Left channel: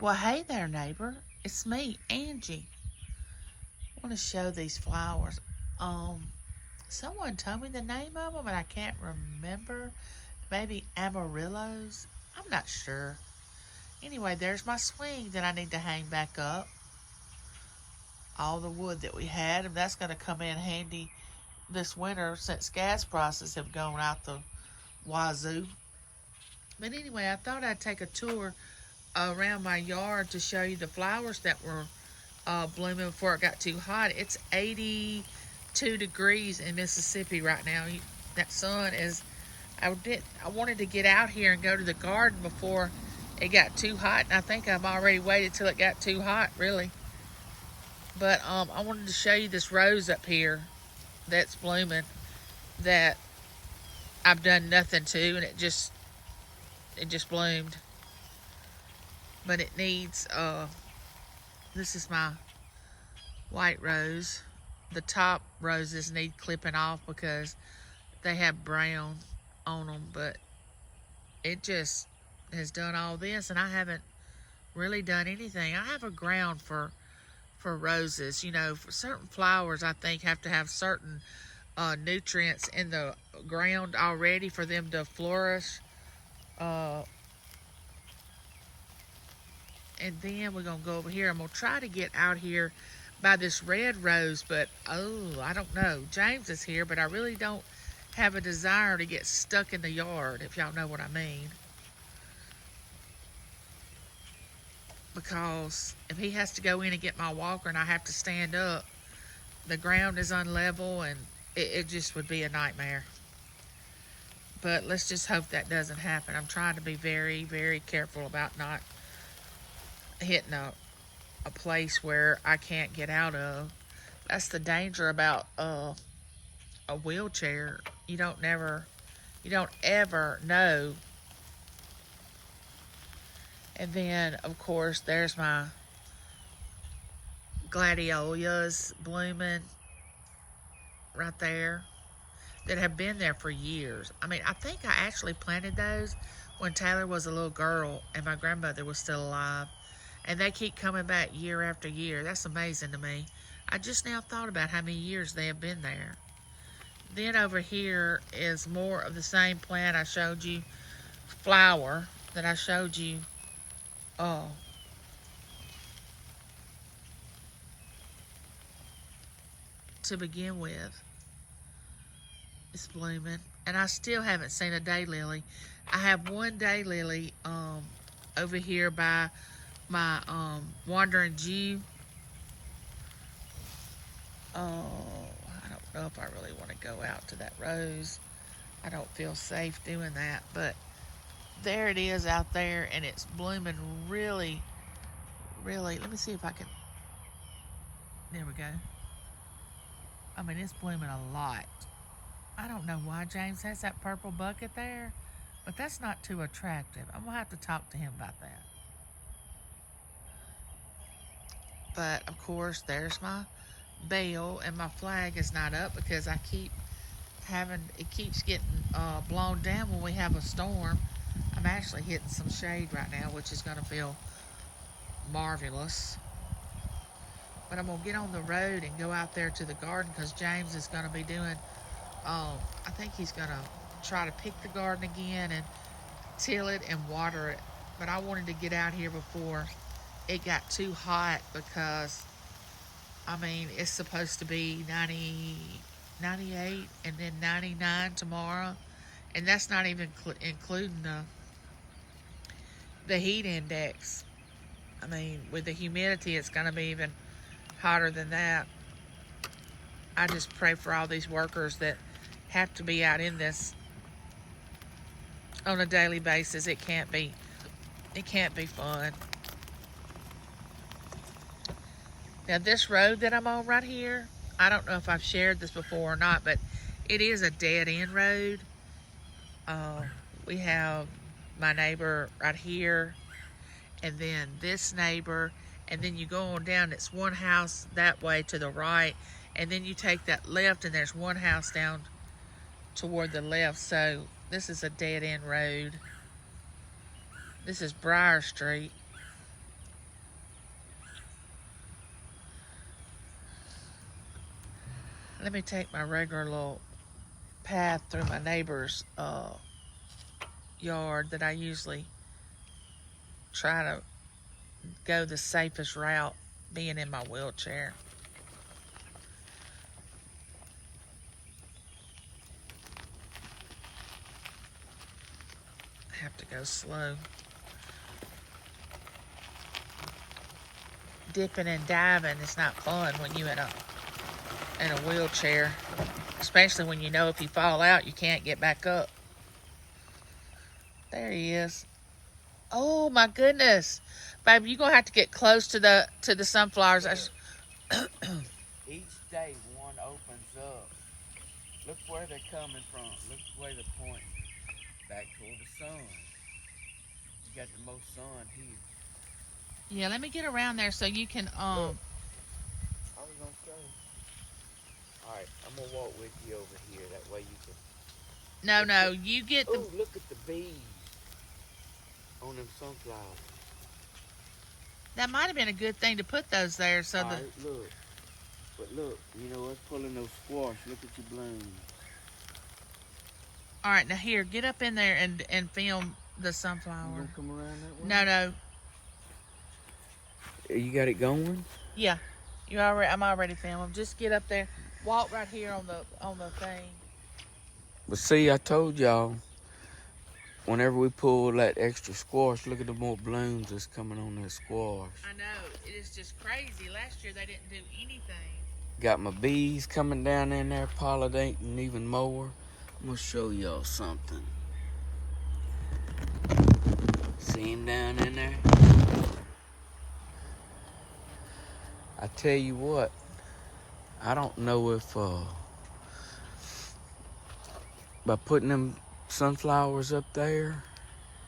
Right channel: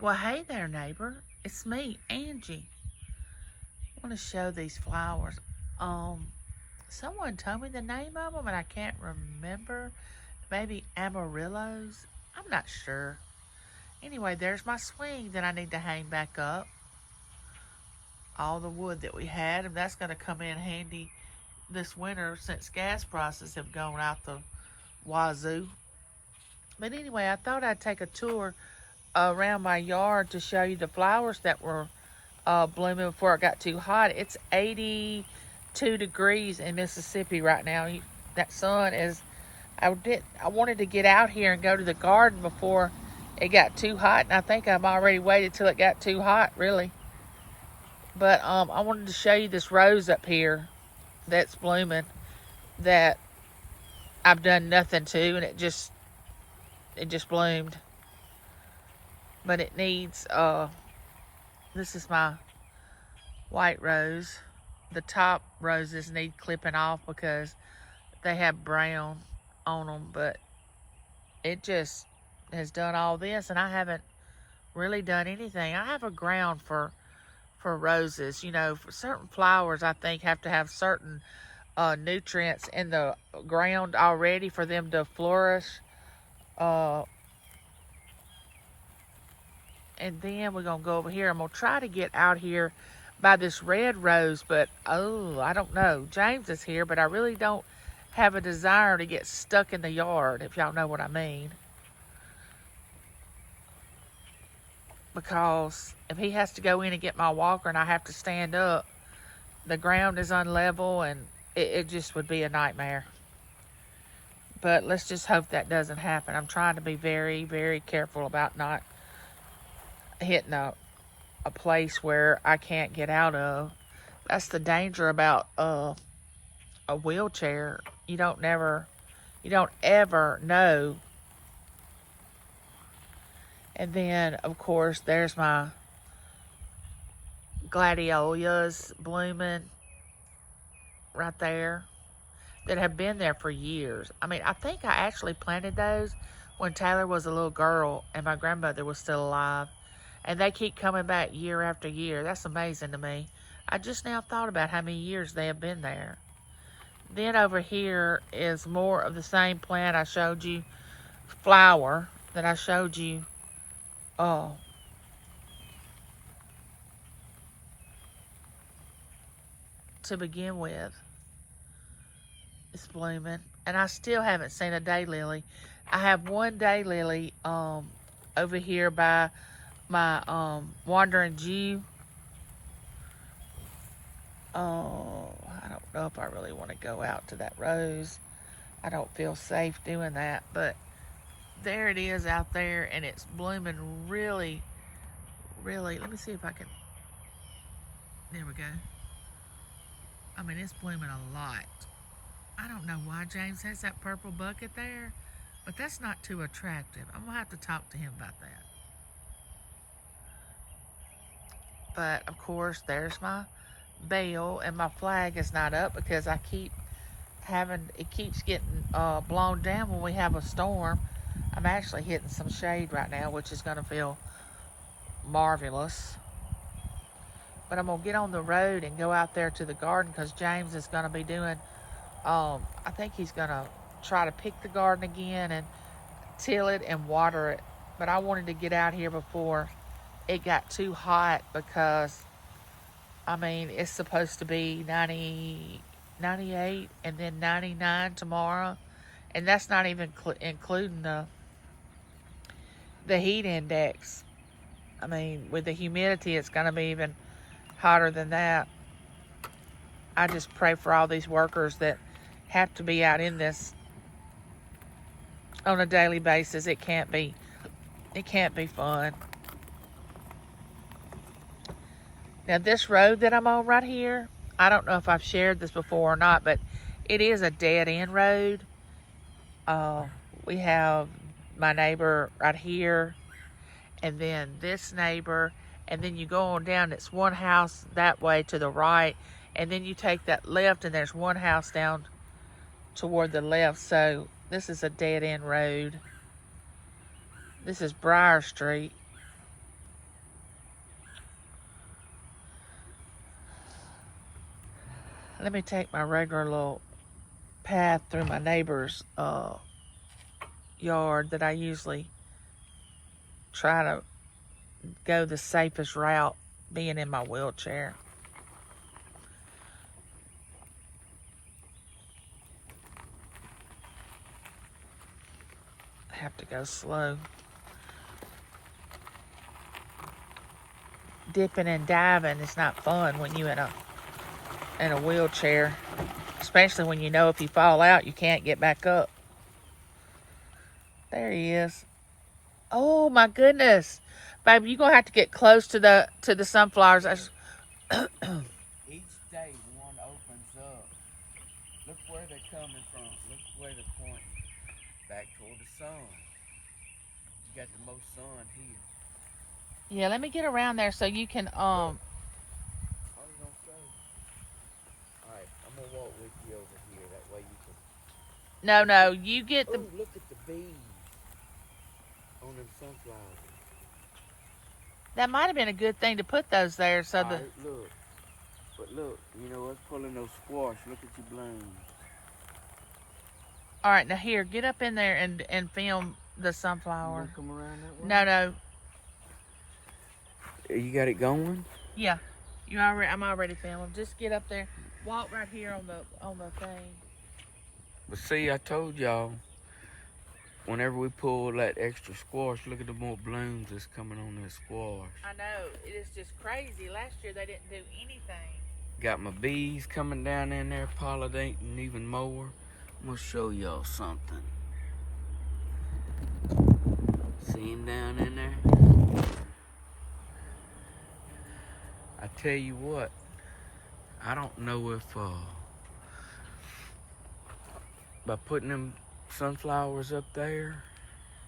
Well, hey there, neighbor. It's me, Angie. I want to show these flowers. Um, Someone told me the name of them, and I can't remember. Maybe amarillos. I'm not sure. Anyway, there's my swing that I need to hang back up. All the wood that we had, and that's going to come in handy this winter since gas prices have gone out the wazoo. But anyway, I thought I'd take a tour around my yard to show you the flowers that were blooming before it got too hot. It's 82 degrees in Mississippi right now. That sun is. I wanted to get out here and go to the garden before it got too hot, and I think I've already waited till it got too hot, really. But I wanted to show you this rose up here that's blooming that I've done nothing to, and it just bloomed. But it needs this is my white rose. The top roses need clipping off because they have brown on them, but it just has done all this, and I haven't really done anything. I have a ground for roses. You know, for certain flowers, I think have to have certain nutrients in the ground already for them to flourish. Uh, and then we're gonna go over here. I'm gonna try to get out here by this red rose, but oh, I don't know. James is here, but I really don't have a desire to get stuck in the yard, if y'all know what I mean. Because if he has to go in and get my walker and I have to stand up, the ground is unlevel and it just would be a nightmare. But let's just hope that doesn't happen. I'm trying to be very, very careful about not hitting a place where I can't get out of. That's the danger about a wheelchair. You don't ever know. And then, of course, there's my gladiolus blooming right there that have been there for years. I mean, I think I actually planted those when Taylor was a little girl and my grandmother was still alive. And they keep coming back year after year. That's amazing to me. I just now thought about how many years they have been there. Then over here is more of the same plant I showed you, flower that I showed you. Oh, to begin with, it's blooming, and I still haven't seen a daylily. I have one daylily over here by my wandering Jew. Oh, I don't know if I really want to go out to that rose. I don't feel safe doing that, but there it is out there, and it's blooming really, really. Let me see if I can. There we go. I mean, it's blooming a lot. I don't know why James has that purple bucket there, but that's not too attractive. I'm gonna have to talk to him about that. But of course, there's my bell, and my flag is not up because I keep having it keeps getting blown down when we have a storm. I'm actually hitting some shade right now, which is gonna feel marvelous. But I'm gonna get on the road and go out there to the garden because James is gonna be doing. I think he's gonna try to pick the garden again and till it and water it. But I wanted to get out here before it got too hot because I mean it's supposed to be 90, 98, and then 99 tomorrow, and that's not even including the heat index. I mean, with the humidity, it's gonna be even hotter than that. I just pray for all these workers that have to be out in this on a daily basis. It can't be fun. Now this road that I'm on right here, I don't know if I've shared this before or not, but it is a dead end road. We have my neighbor right here, and then this neighbor, and then you go on down, it's one house that way to the right, and then you take that left and there's one house down toward the left. So this is a dead end road. This is Briar Street. let me take my regular little path through my neighbor's yard that I usually try to go the safest route, being in my wheelchair. I have to go slow. Dipping and diving is not fun when you're in a wheelchair, especially when you know if you fall out you can't get back up. There he is. Oh my goodness, baby, you're gonna have to get close to the sunflowers. Each day one opens up. Look where they're coming from. Look where they're pointing. Back toward the sun. You got the most sun here. Yeah, let me get around there so you can I was gonna say. Alright, I'm gonna walk with you over here. That way you can. No, you get the. Oh, look at the bees on them sunflowers. That might have been a good thing to put those there so Alright, look. But look, you know what's pulling those squash? Look at your blooms. All right, now here, get up in there and film the sunflower. You wanna come around that way? No. You got it going? Yeah, I'm already filming. Just get up there, walk right here on the thing. But see, I told y'all, whenever we pull that extra squash, look at the more blooms that's coming on that squash. I know, it is just crazy. Last year they didn't do anything. Got my bees coming down in there pollinating even more. I'm gonna show y'all something. See him down in there? I tell you what, I don't know if by putting them sunflowers up there,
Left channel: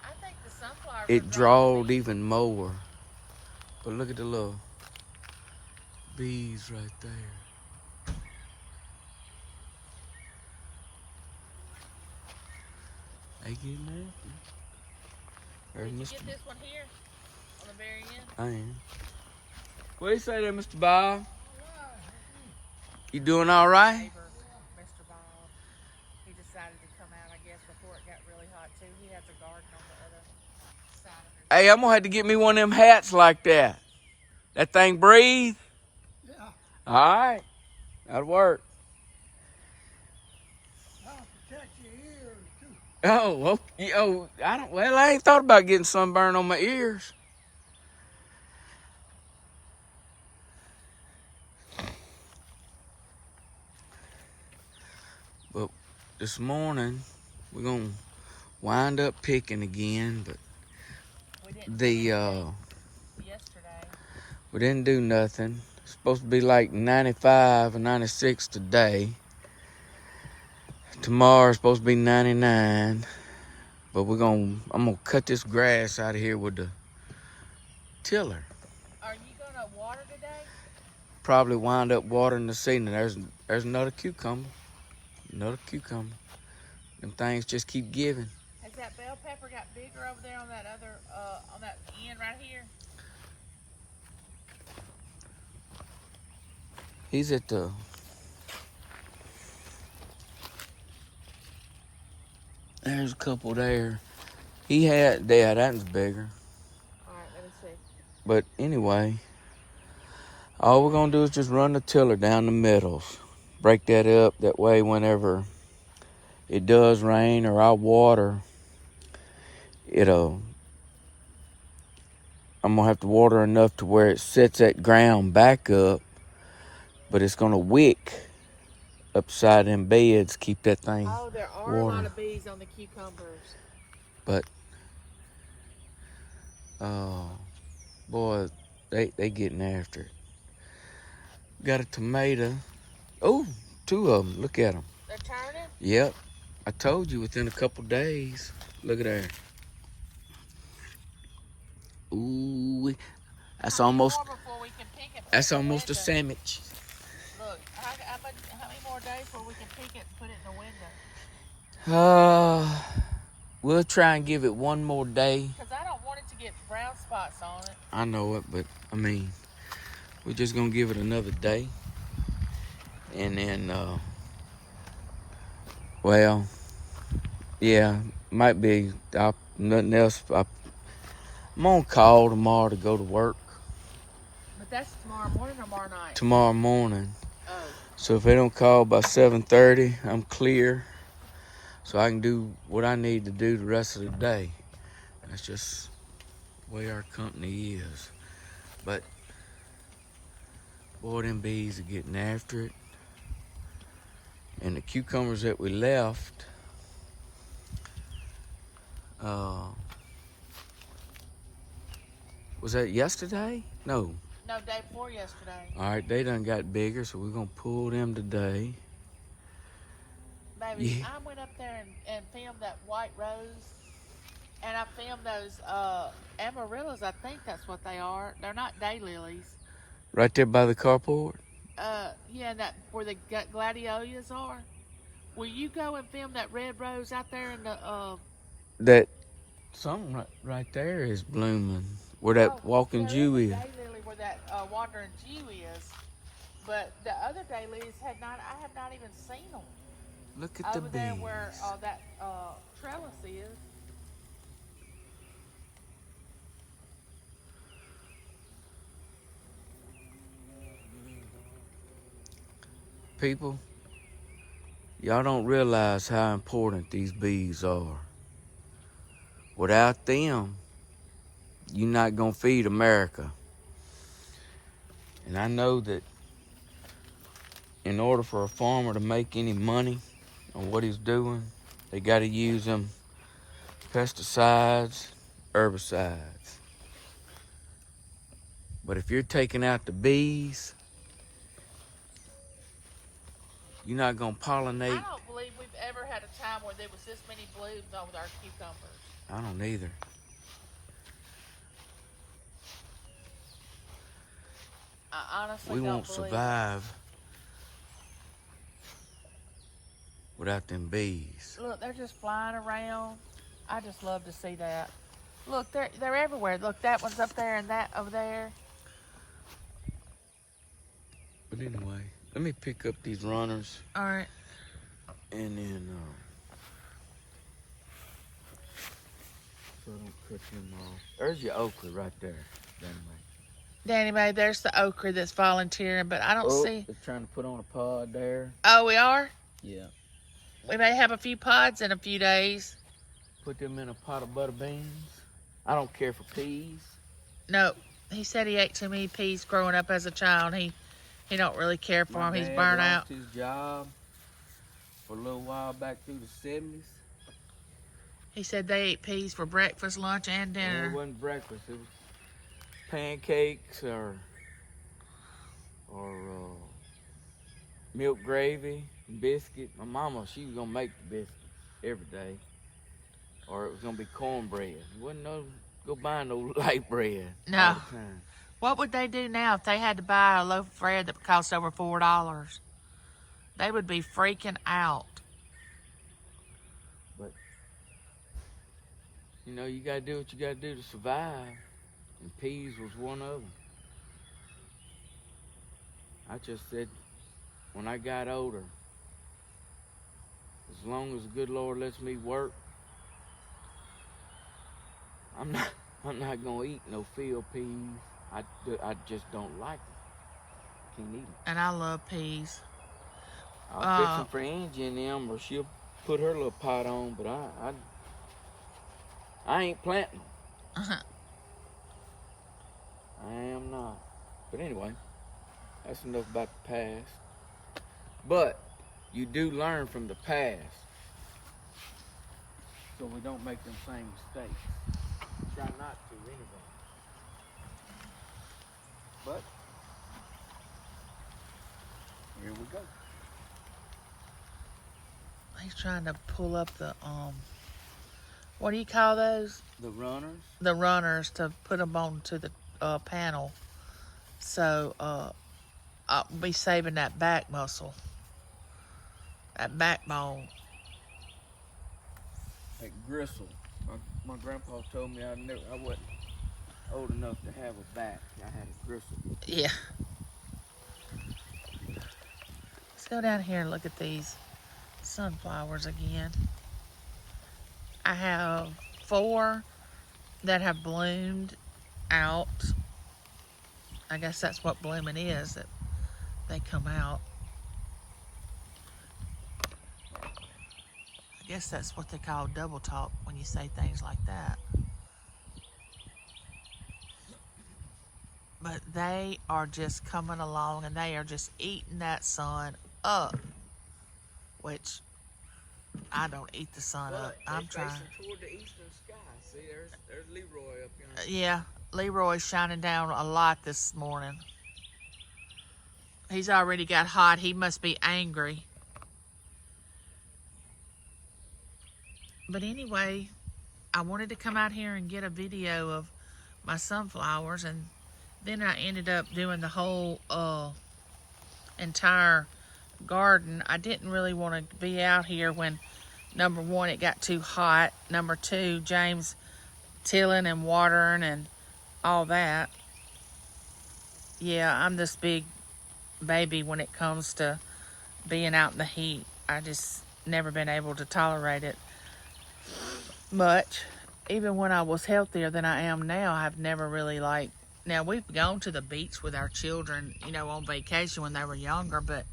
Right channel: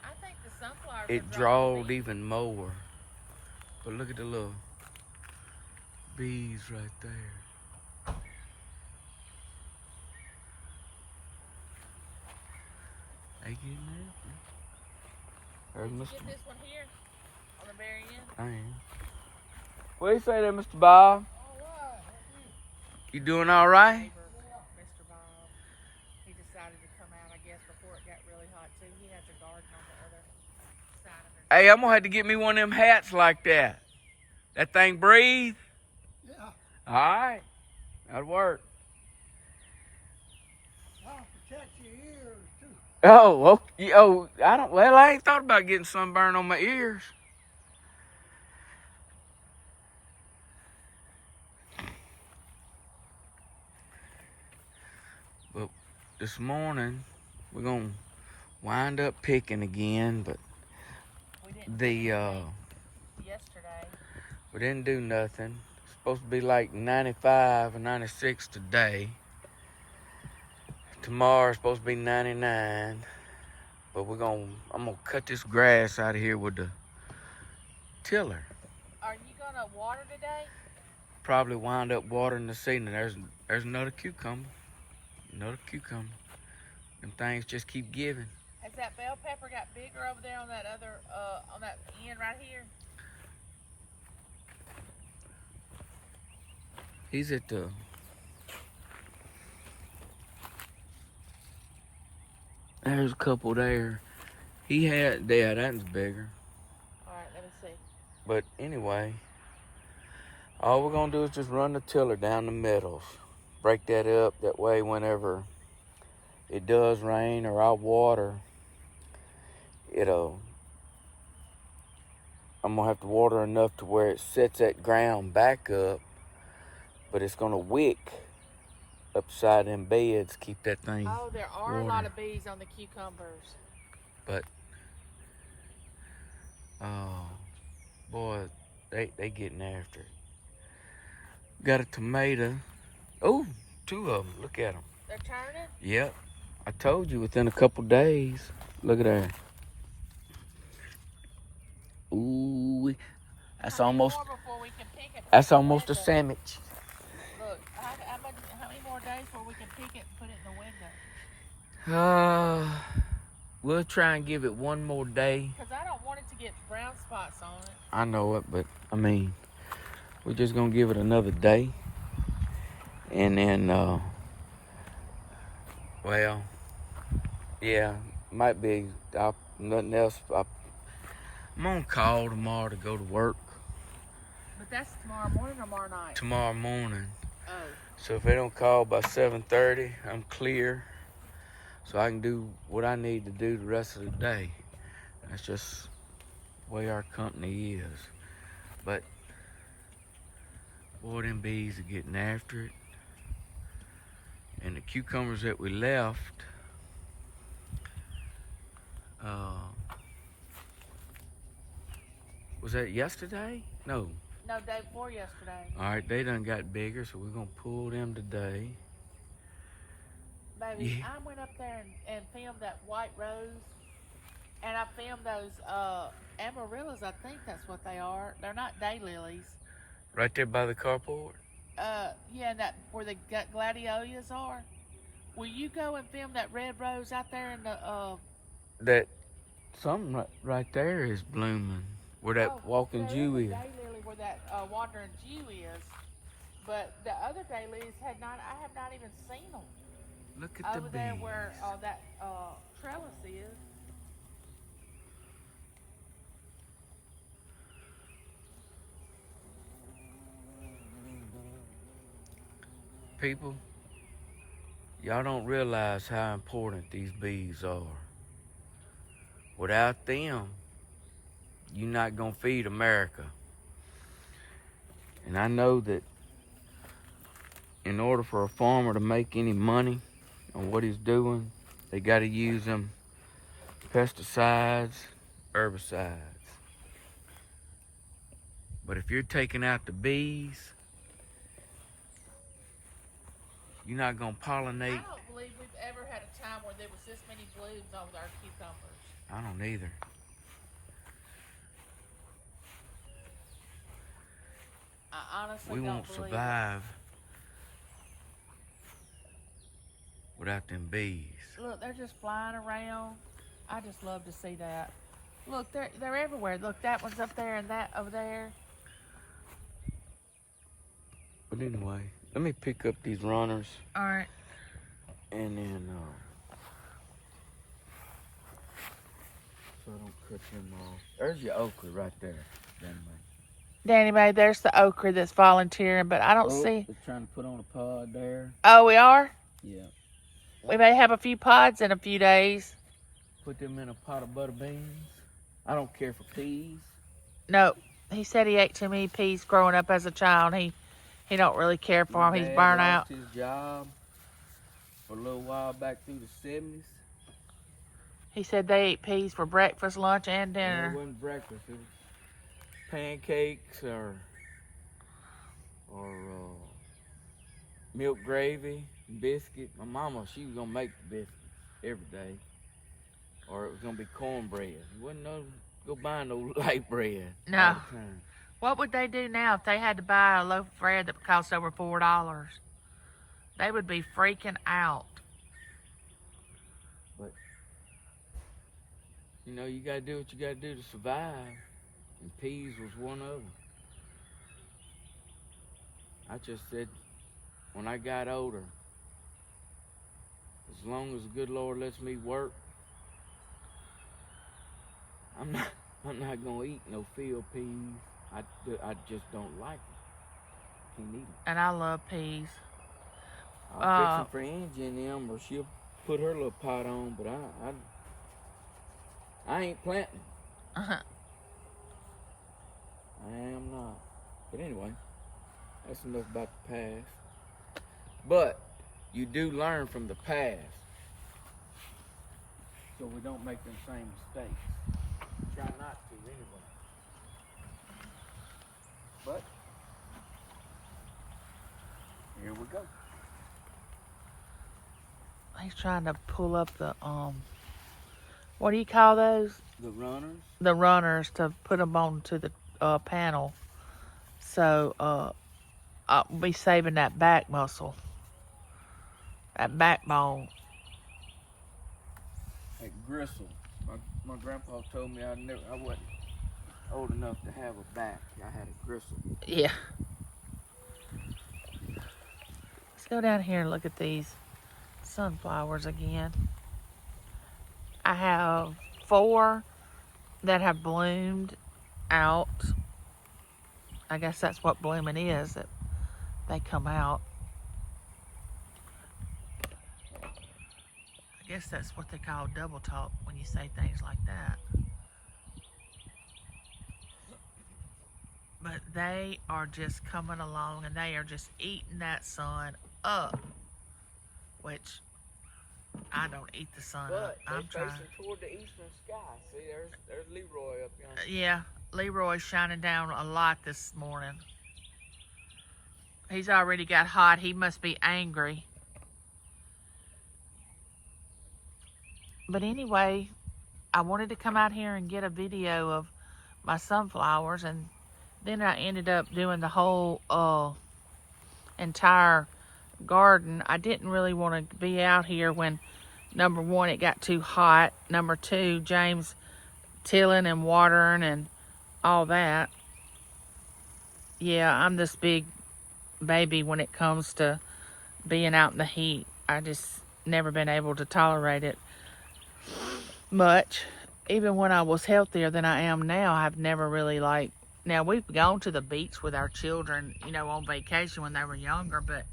I think the sunflowers it drawed even more. But look at the little bees right there. They getting after. There's Did you Mr. get this one here on the very end? I am. What do you say there, Mr. Bob? Oh, wow. You doing all right? Mr. Bob, he decided to come out, I guess, before it got really hot, too. He has a garden on the other side of it. Hey, I'm gonna have to get me one of them hats like that. That thing breathe? Yeah. All right. That'll work. That'll protect your ears, too. Oh, okay. I ain't thought about getting sunburn on my ears. But this morning, we're gonna wind up picking again, but We didn't do anything yesterday. we didn't do nothing. It's supposed to be like 95 or 96 today. Tomorrow's supposed to be 99. But I'm gonna cut this grass out of here with the tiller. Are you gonna water today? Probably wind up watering the seed. There's another cucumber. Another cucumber. Them things just keep giving. Has that bell pepper got bigger over there on that other on that end right here? He's at the there's a couple there. He had that one's bigger. Alright, let me see. But anyway, all we're gonna do is just run the tiller down the middles. Break that up. That way whenever it does rain or I water, I'm gonna have to water enough to where it sets that ground back up, but it's gonna wick upside them beds, keep that thing Oh, there are a lot of bees on the cucumbers. But boy, they getting after it. Got a tomato. Oh, two of them. Look at them. They're turning? Yep. I told you within a couple days. Look at that. Ooh, that's almost a sandwich. Look, how many more days before we can pick it and put it in the window? We'll try and give it one more day. Because I don't want it to get brown spots on it. I know it, but I mean, we're just gonna give it another day. And then, well, yeah, might be nothing else. I'm on call tomorrow to go to work. But that's tomorrow morning or tomorrow night? Tomorrow morning. Oh. So if they don't call by 7:30, I'm clear. So I can do what I need to do the rest of the day. That's just the way our company is. But boy, them bees are getting after it. And the cucumbers that we left, was that yesterday? No. No, day before yesterday. All right, they done got bigger, so we're going to pull them today. Baby, Yeah. I went up there and filmed that white rose. And I filmed those amaryllis. I think that's what they are. They're not daylilies. Right there by the carport? Yeah, that where the gladiolus are. Will you go and film that red rose out there in the That something right there is blooming. Where that walking Jew is. daylily where that wandering Jew is. But the other daylilies I have not even seen them. Look at Over the there bees. where that trellis is. People, y'all don't realize how important these bees are. Without them, you're not going to feed America. And I know that in order for a farmer to make any money on what he's doing, they got to use them pesticides, herbicides. But if you're taking out the bees, you're not going to pollinate. I don't believe we've ever had a time where there was this many blooms on our cucumbers. I don't either. I honestly We don't won't believe survive without them bees. Look, they're just flying around. I just love to see that. Look, they're everywhere. Look, that one's up there and that over there. But anyway, let me pick up these runners. All right. And then, so I don't cut them off. There's your okra right there, Danny Mae. Danny Mae, there's the okra that's volunteering, but I don't see. They're trying to put on a pod there. Oh, we are? Yeah. We may have a few pods in a few days. Put them in a pot of butter beans. I don't care for peas. No, he said he ate too many peas growing up as a child. He don't really care for them. He's My dad burnt lost out. his job for a little while back through the 70s. He said they ate peas for breakfast, lunch, and And dinner. it wasn't breakfast. It was pancakes or milk gravy, biscuit. My mama, she was gonna make the biscuits every day, or it was gonna be cornbread. It wasn't go buy no light bread. No. All the time. What would they do now if they had to buy a loaf of bread that cost over $4? They would be freaking out. But you know, you gotta do what you gotta do to survive, and peas was one of them. I just said, when I got older, as long as the good Lord lets me work, I'm not gonna eat no field peas. I just don't like them. Can't eat them. And I love peas. I'll fix them for Angie and them, or she'll put her little pot on. But I ain't planting. Uh-huh. I am not. But anyway, that's enough about the past. But you do learn from the past, so we don't make them same mistakes. Try not to anyway. But here we go. He's trying to pull up the what do you call those? The runners. The runners to put them onto the panel. So I'll be saving that back muscle, that backbone. That gristle. My grandpa told me I wasn't old enough to have a back. I had a gristle. Yeah. go down here and look at these sunflowers again. I have 4 that have bloomed out. I guess that's what blooming is, that they come out. I guess that's what they call double talk when you say things like that. But they are just coming along and they are just eating that sun up, which I don't eat the sun up. I'm trying. Toward the eastern sky. See, there's Leroy up here. Yeah, Leroy's shining down a lot this morning. He's already got hot. He must be angry. But anyway, I wanted to come out here and get a video of my sunflowers, and then I ended up doing the whole entire garden. I didn't really want to be out here when, number 1, it got too hot. Number 2, James tilling and watering and all that. Yeah, I'm this big baby when it comes to being out in the heat. I just never been able to tolerate it much. Even when I was healthier than I am now, I've never really now we've gone to the beach with our children, you know, on vacation when they were younger, but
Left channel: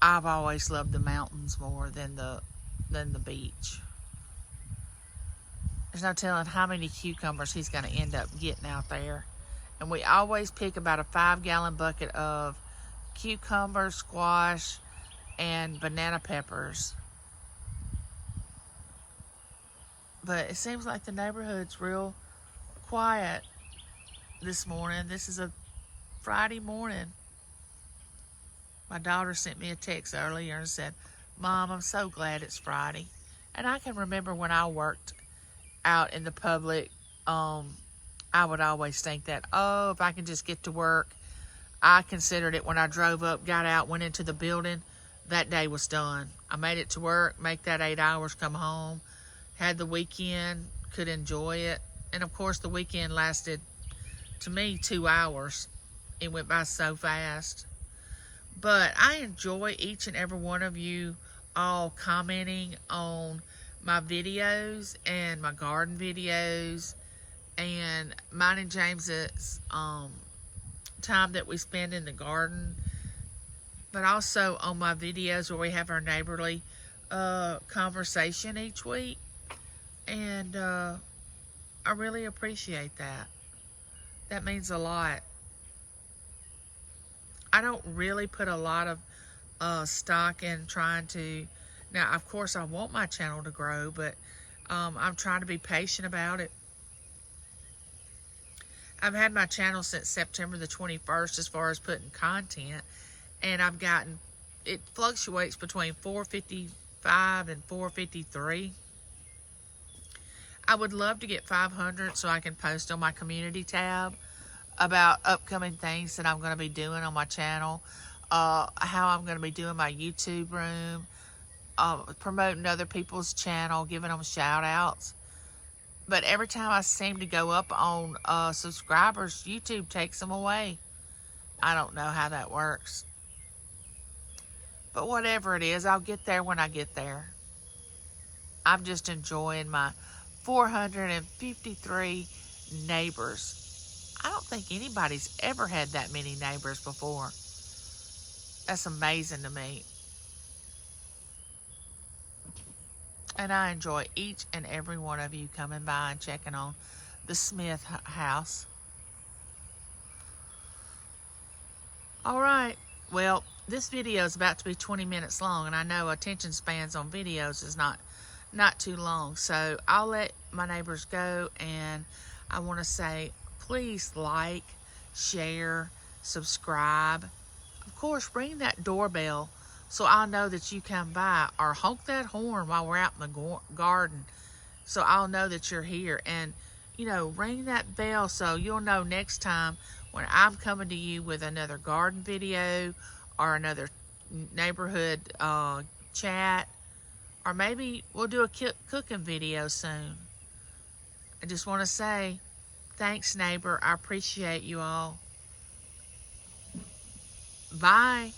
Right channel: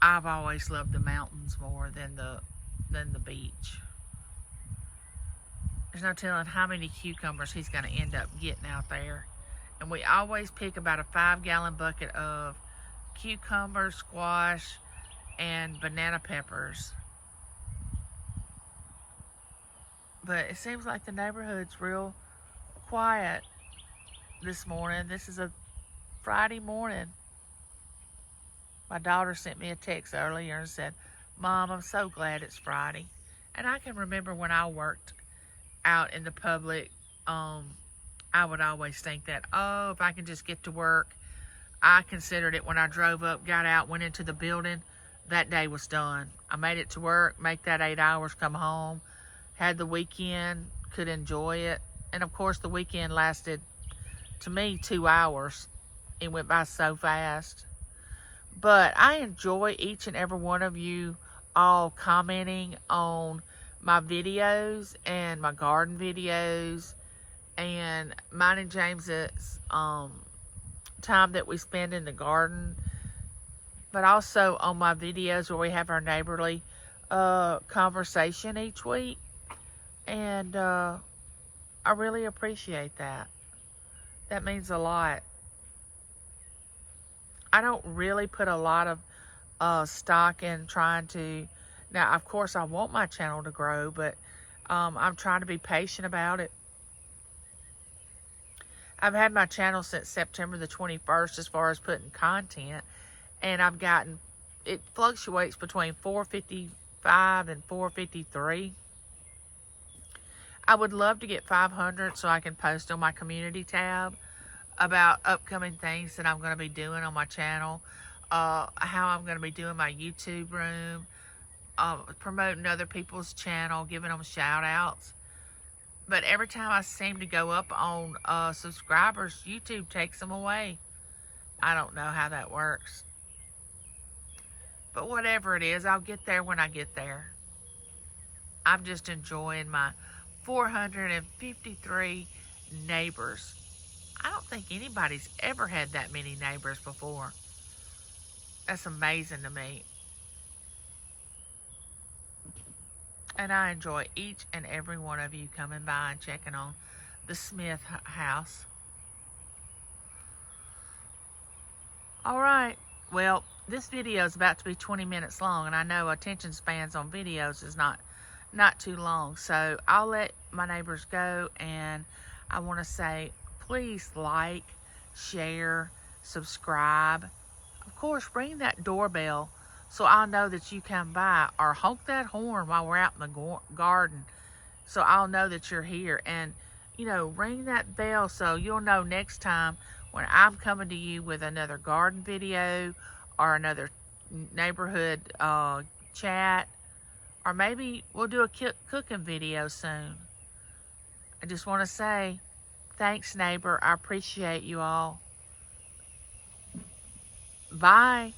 I've always loved the mountains more than the beach. There's no telling how many cucumbers he's going to end up getting out there. And we always pick about a 5-gallon bucket of cucumbers, squash, and banana peppers. But it seems like the neighborhood's real quiet this morning. This is a Friday morning. My daughter sent me a text earlier and said, "Mom, I'm so glad it's Friday." And I can remember when I worked out in the public, I would always think that, oh, if I can just get to work. I considered it when I drove up, got out, went into the building, that day was done. I made it to work, make that 8 hours, come home, had the weekend, could enjoy it. And of course the weekend lasted, to me, 2 hours. It went by so fast. But I enjoy each and every one of you all commenting on my videos and my garden videos and mine and James's time that we spend in the garden, but also on my videos where we have our neighborly conversation each week. And I really appreciate that. That means a lot. I don't really put a lot of stock in trying to, now of course I want my channel to grow, but I'm trying to be patient about it. I've had my channel since September the 21st as far as putting content, and I've gotten, it fluctuates between 455 and 453. I would love to get 500 so I can post on my community tab about upcoming things that I'm going to be doing on my channel, how I'm going to be doing my YouTube room, promoting other people's channel, giving them shout outs. But every time I seem to go up on subscribers, YouTube takes them away. I don't know how that works. But whatever it is, I'll get there when I get there. I'm just enjoying my 453 neighbors. I don't think anybody's ever had that many neighbors before. That's amazing to me. And I enjoy each and every one of you coming by and checking on the Smith house. All right. Well, this video is about to be 20 minutes long, and I know attention spans on videos is not too long. So I'll let my neighbors go, and I want to say, please like, share, subscribe. Of course, ring that doorbell so I'll know that you come by, or honk that horn while we're out in the garden so I'll know that you're here. And, you know, ring that bell so you'll know next time when I'm coming to you with another garden video or another neighborhood chat, or maybe we'll do a cooking video soon. I just want to say, thanks, neighbor. I appreciate you all. Bye.